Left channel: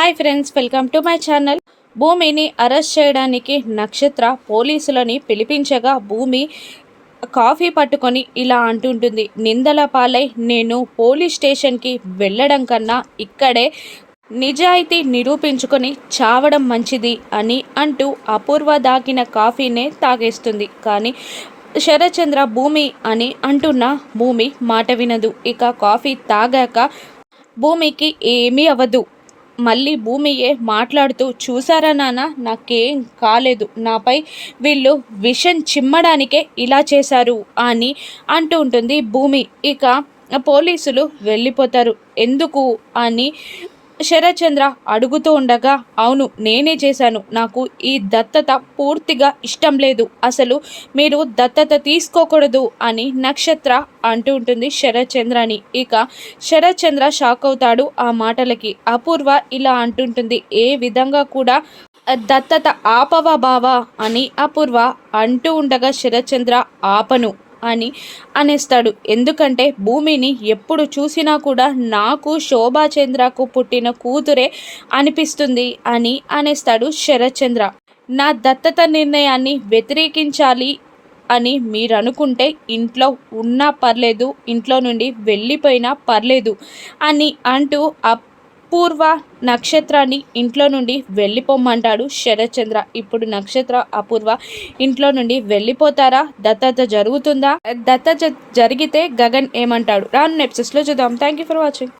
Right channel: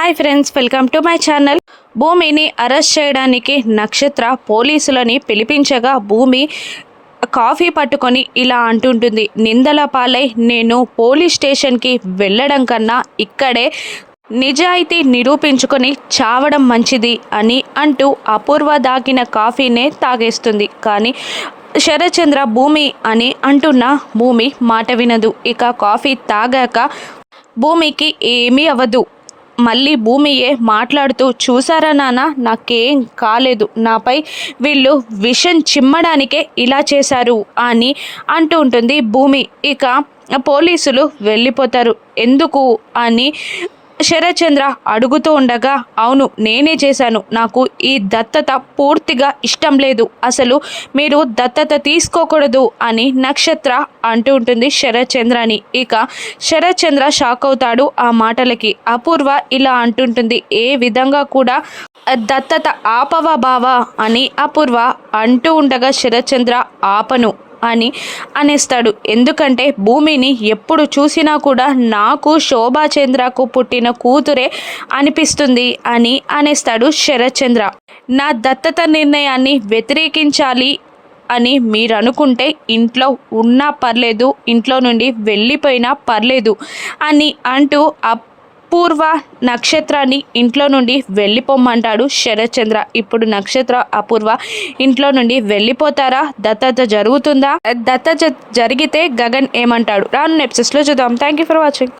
Hi friends, welcome to my channel. భూమిని arrest చేయడానికి నక్షత్ర పోలీసులని పిలిపించగా భూమి కాఫీ పట్టుకొని ఇలా అంటుంటుంది, నిందల పాలై నేను పోలీస్ స్టేషన్కి వెళ్ళడం కన్నా ఇక్కడే నిజాయితీ నిరూపించుకొని చావడం మంచిది అని అంటూ అపూర్వ దాగిన కాఫీనే తాగేస్తుంది. కానీ శరత్చంద్ర భూమి అని అంటున్న భూమి మాట వినదు. ఇక కాఫీ తాగాక భూమికి ఏమీ అవ్వదు. మళ్ళీ భూమియే మాట్లాడుతూ, చూసారా నాన్న, నాకేం కాలేదు, నాపై వీళ్ళు విషం చిమ్మడానికే ఇలా చేశారు అని అంటూ ఉంటుంది భూమి. ఇక పోలీసులు వెళ్ళిపోతారు. ఎందుకు అని శరత్చంద్ర అడుగుతూ ఉండగా, అవును నేనే చేశాను, నాకు ఈ దత్తత పూర్తిగా ఇష్టం లేదు, అసలు మీరు దత్తత తీసుకోకూడదు అని నక్షత్ర అంటూ ఉంటుంది శరత్చంద్రని. ఇక శరత్చంద్ర షాక్ అవుతాడు ఆ మాటలకి. అపూర్వ ఇలా అంటుంటుంది, ఏ విధంగా కూడా దత్తత ఆపవా బావా అని అపూర్వ అంటూ ఉండగా శరత్చంద్ర ఆపను అని అనేస్తాడు. ఎందుకంటే భూమిని ఎప్పుడు చూసినా కూడా నాకు శోభాచంద్రకు పుట్టిన కూతురే అనిపిస్తుంది అని అనేస్తాడు శరత్చంద్ర. నా దత్తత నిర్ణయాన్ని వ్యతిరేకించాలి అని మీరు అనుకుంటే ఇంట్లో ఉన్నా పర్లేదు, ఇంట్లో నుండి వెళ్ళిపోయినా పర్లేదు అని అంటూ అపూర్వ నక్షత్రాన్ని ఇంట్లో నుండి వెళ్ళిపోమ్మంటాడు శరత్చంద్ర. ఇప్పుడు నక్షత్ర అపూర్వ ఇంట్లో నుండి వెళ్ళిపోతారా? దత్తత జరుగుతుందా? దత్తత జరిగితే గగన్ ఏమంటాడు? రాను ఎపిసోడ్స్లో చూద్దాం. Thank you for watching.